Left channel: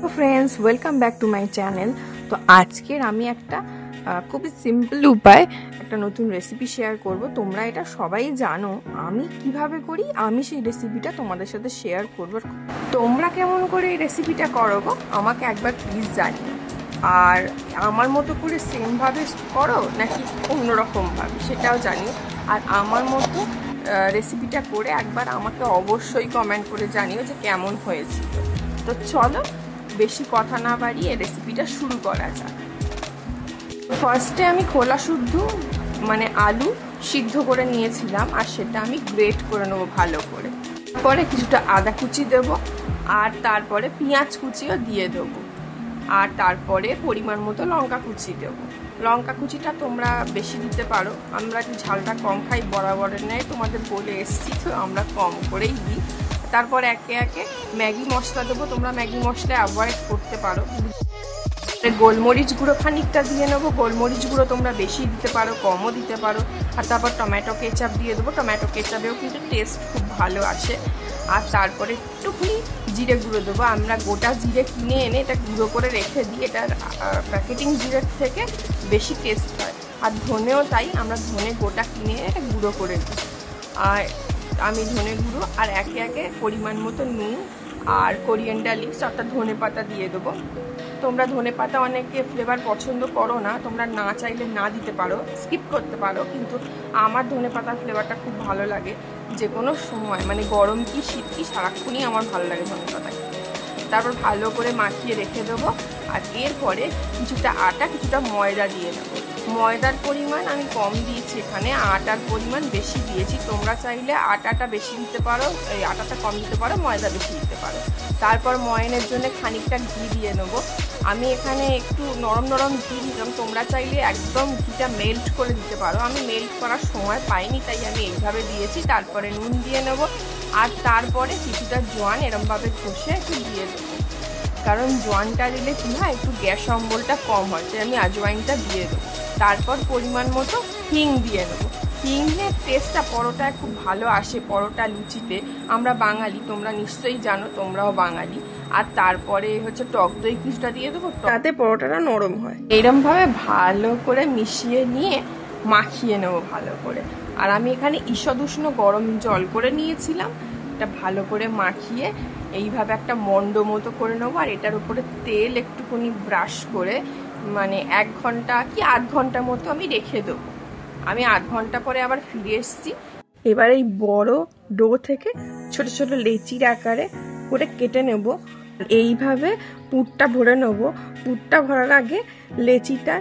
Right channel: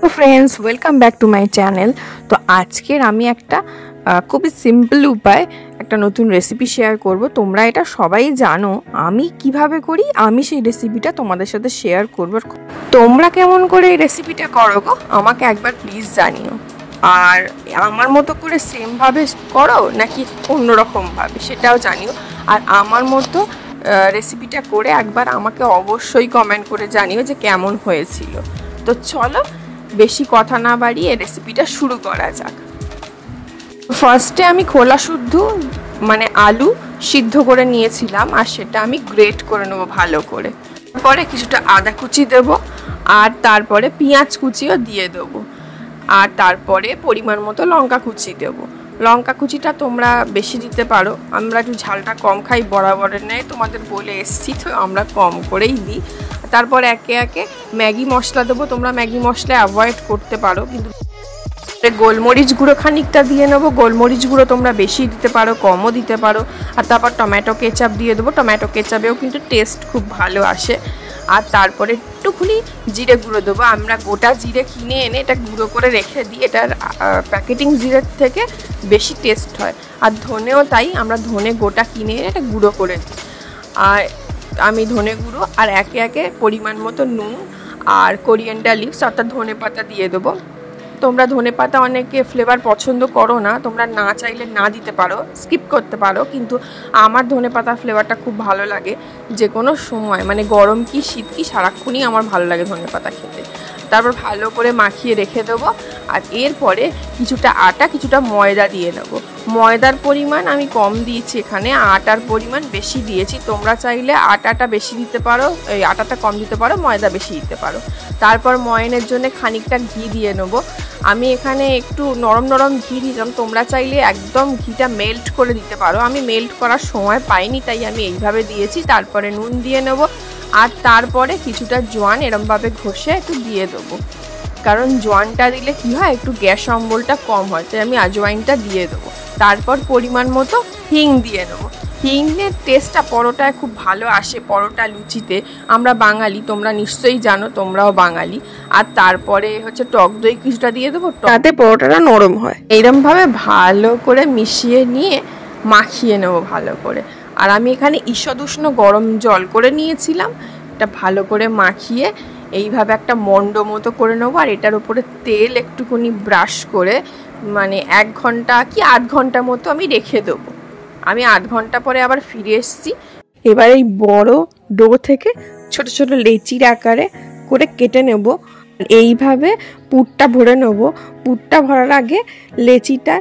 তো friends, welcome back to my channel. তো আজকের আমি একটা খুবই সিম্পল উপায় একটা নতুন রেসিপি শেয়ার করব। তোমরা এটা সবাই জানো, আমি কিভাবে করি আমি সেই রেসিপিটা তোমাদের সাথে শেয়ার করব। তোমরা কেমন করে এই রেসিপিটা করো গো, আমাকে একবার প্লিজ জানিও। আর আমার মতো করে সেমভাবে করো নাকি অন্যরকমভাবে সেটাও জানিও। আর আমার মতো রেসিপিটা করে একবার আমাকে অবশ্যই কমেন্ট করে জানিও যে কেমন হয়েছিল। তো চলো বেশি কথা না বাড়িয়ে রেসিপিটা শুরু করা যাক। ফার্স্টে আমি খোলা শুদ্ধ মানে আলু সিদ্ধ করে নিয়েছিলাম, আর সেটা আমি গ্রেট করে নেবো ভালো করে। তারপরে কিছুটা আদা কুচি দেব, আর তারপরে পেঁয়াজ কুচিও দিয়ে দেবো, আর তারপরে পরিমাণ মতো লঙ্কা কুচি দেবো। লঙ্কা কুচিটা তোমরা বেশি দিতে পারো, আমরা একটু ঝালটা কম খাই বরাবরের নেয়, তোমাদের বলে এসছি তো আমরা কম করেই দিই। তারপর একে একে ম্যাগি মশলা দেবো, তোমরা ম্যাগি মশলা অ্যাভয়েড করতে পারো, কিন্তু গোলমরিচ গুঁড়ো খানিকটা দিয়ে নেবো। গোলমরিচ গুঁড়ো তোমরা বেশি দিতে পারো, কমও দিতে পারো। আর তারপর টমেটো কেচাপ দিয়ে দেবো, টমেটো কেচাপেও কিন্তু টেস্ট খুব ভালো আসে। আর তারপরে একটুখানি জিরে গুঁড়ো দেবো। আমরা গোটা জিরে কিনে এনে এটা গুঁড়ো করে রেখে দিই, এটার প্যাকেটিং জিরের থেকে বেশি টেস্ট হয়। আর ধনেও তাই, আমরা ধনে গোটা কিনে এনে এটা গুঁড়ো করে দিই। আর আমি ধনে গুঁড়ো আর একে একে পরিমাণ মতো নুন আর কোরিয়ান্ডার লিভস অর্থাৎ ধনে পাতা দিয়ে দেবো। তোমরা ধনে পাতা অনেকে ফ্লেভার পছন্দ করো না, তোমরা না চাইলে না দিতে পারো, স্কিপ করতে পারো, কিন্তু আমার ধনে পাতার ফ্লেভারটা খুব ভালো লাগে যে কোনো সময়, মানে গরম কি শীত কি সারাক্ষণই আমার ভালো লাগে ধনে পাতা খেতে। তারপর ভালো করে মাখিয়ে রেখে দেবো। আর এরপরে কিছুটা আটা কিছুটা ময়দা দিয়ে নেবো। ময়দার পরিমাণ আমি কম দিয়েছি এখানে, আটার পরিমাণ বেশি দিয়েছি। তোমরা চাইলে আটাটা বেশি দিতে পারো, এই আটাটা কম দিতে পারো, ময়দা বেশি দিতে পারো। তারপর ময়নের জন্য খানিকটা ঘি দিয়ে নেবো। আমি এখানে একটু নরম নরম ঘি দিলাম, তোমরা চাইলে একদম ঘিটা মেল্ট করে দিতে পারো। আমি মেল্ট করার সময় পাইনি, তাই আমি এইভাবে দিয়েছি। তারপরে নুন দিয়ে নেব, আর তারপরে কিছুটা জোয়ান এরমভাবে ঘষে একটু দিয়ে দেবো, কারণ জোয়ানটা দিলে কী হয় একটু গ্যাস অম্বলটা কম হয়, তাই আমি আজওয়াইনটা দিয়ে দেবো। তারপর পরিমাণ মতো হিং দিয়ে নেবো। হিংয়ের টেস্টটা পরোটায় খুব ভালো আসে, পরোটা লুচিতে। আমরা বাঙালি, তোমরা নিশ্চয়ই জানো, তোমরাও বাঙালি। আর তারপরে হচ্ছে টক দই কিছুটা দিয়ে দেবো, তাতে পরোটাটা নরম হয়। এইরকমভাবে ভালো করে মিশিয়ে নিয়ে মাখিয়ে নেবো ভালো করে। আর আমি এখানে ঈষদ উষ্ণ গরম জল করে নিয়েছিলাম, এটা ভালো করে মাখিয়ে এইভাবে একটা মন্ড মতো করে নেবো। আর এটার উপরে তেল একটুখানি ব্রাশ করে মানে 1 ঘন্টা কি 8 ঘন্টা মতো আমি রেখে দেবো। আমি 8 ঘন্টা পরে আবার ফিরে এসেছি। এবার এই বড় ডো থেকে ছোট ছোট লেচির আকারে করে কেটে নেব। এইভাবে পুরটা ভরে নেব। পুরটা ভরার আগে লেচিটা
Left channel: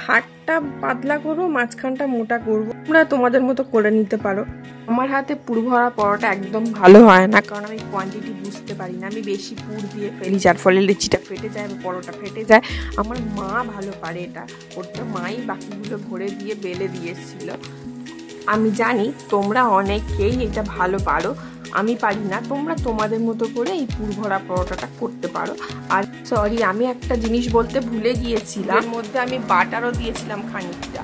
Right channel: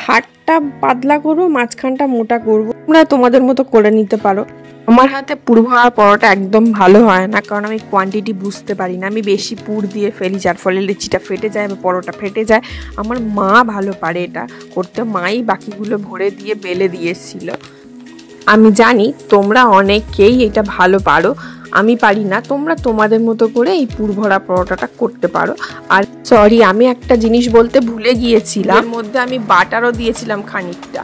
ধারটা পাতলা করবো, মাঝখানটা মোটা করবো। তোমরা তোমাদের মতো করে নিতে পারো। আমার হাতে পুর ভরা পরোটা একদম ভালো হয় না, কারণ আমি কোয়ান্টিটি বুঝতে পারি না, আমি বেশি পুর দিয়ে ফেলি, যার ফলে লেচিটা ফেটে যায় বা পরোটা ফেটে যায়। আমার মা ভালো পারে এটা করতে, মাই বাকিগুলো ভরে দিয়ে বেলে দিয়েছিল। আমি জানি তোমরা অনেকেই এটা ভালো পারো, আমি পারি না। তোমরা তোমাদের মতো করে এই পুর ভরা পরোটাটা করতে পারো। আর সরি, আমি একটা জিনিস বলতে ভুলে গিয়েছিলাম, এর মধ্যে আমি বাটারও দিয়েছিলাম খানিকটা।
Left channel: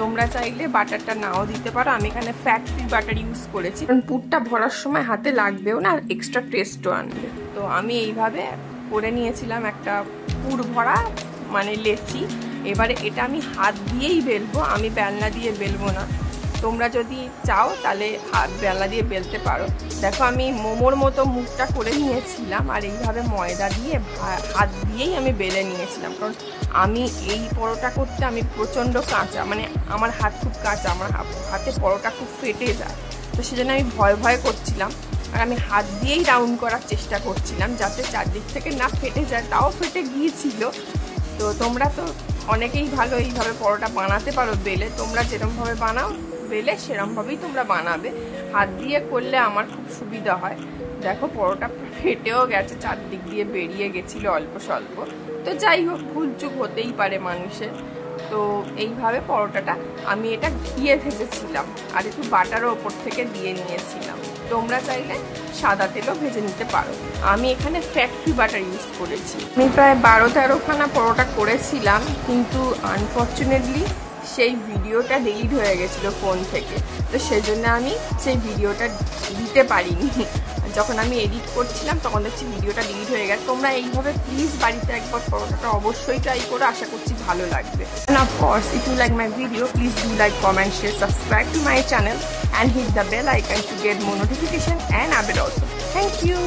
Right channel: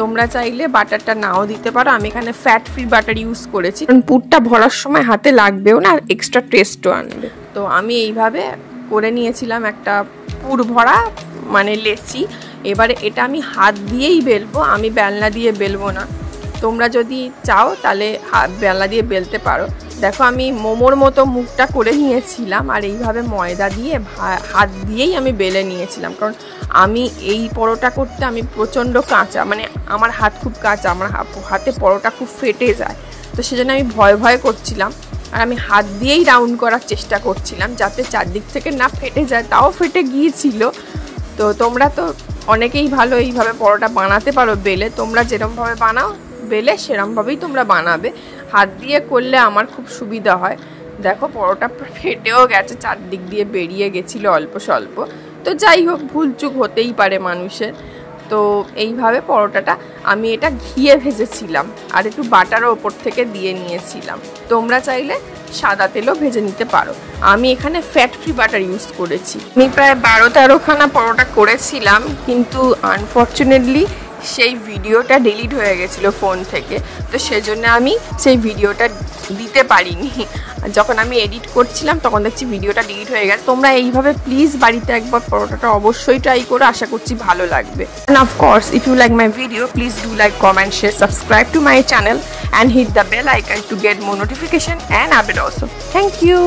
তোমরা চাইলে বাটারটা নাও দিতে পারো, আমি এখানে ফ্যাট ফ্রি বাটার ইউজ করেছি, কারণ পুরটা ভরার সময় হাতে লাগবেও না, আর এক্সট্রা টেস্টও আনবে। তো আমি এইভাবে করে নিয়েছিলাম একটা পুর ভরা মানে লেচি। এবারে এটা আমি হাত দিয়েই বেলবো, আমি বেলনা দিয়ে বেলবো না। তোমরা যদি চাও তাহলে বেলা দিয়ে বেলতে পারো। দেখো আমি মোমোর মতো মুখটা করে নিয়েছিলাম, আর এইভাবে ময়দা দিয়ে হাত দিয়েই আমি বেলে নিয়েছিলাম, কারণ আমি এই পরোটা করতে আমি প্রচণ্ড কাঁচা, মানে আমার হাত খুব কাঁচা, আমার হাতে পরোটা খুব ফেটে যায়। তো সেজন্য আমি ভয় ভয় করছিলাম, আর আমি হাত দিয়েই রাউন্ড করার চেষ্টা করছিলাম যাতে চারদিক থেকে না ফেটে যায়। তাও ফেটে গিয়েছিল। তো তোমরা তো অনেকেই ভালো এইভাবে পরোটা বানাতে পারো বেলে, তোমরা যেরকমভাবে বানাও বেলে সেরমভাবেই তোমরা বানাবে। হাত দিয়ে করলে আমার খুব সুবিধা হয়। দেখো পরোটা ফেটেও গেছে, চারদিক দিয়ে বেরিয়ে গেছিলো অল্প স্বল্প। তো যাই হোক, ভুলচুক হতেই পারে মানুষের। তো এইভাবে পরোটাটা আমি এটা ঘিয়ে ভেজেছিলাম, আর একটু বাটারও ওপর থেকে দিয়ে নিয়েছিলাম। তোমরা চাইলে সাদা তেলও ভেজে নিতে পারো। আমি এখানে ফ্যাট ফ্রি বাটার ইউজ করেছি। আমি প্রায় 12-13 খানা পরোটা করেছিলাম, কিন্তু আনফর্চুনেটলি সেই ভিডিওটা ডিলিট হয়ে গেছিলো ফোন থেকে, তো সেজন্য আমি সেই ভিডিওটা দিতে পারিনি। যখন আমি এডিট করছিলাম তখন দেখছি ভিডিওটা ডিলিট হয়ে গেছে। তোমরা এইভাবে প্লিজ বাড়িতে একবার পরোটাটা অবশ্যই ট্রাই করো, আশা করছি ভালো লাগবে। And of course, if you like my video, please do like, comment, share, subscribe to my channel and hit the bell icon to get more notification and update also. Thank you.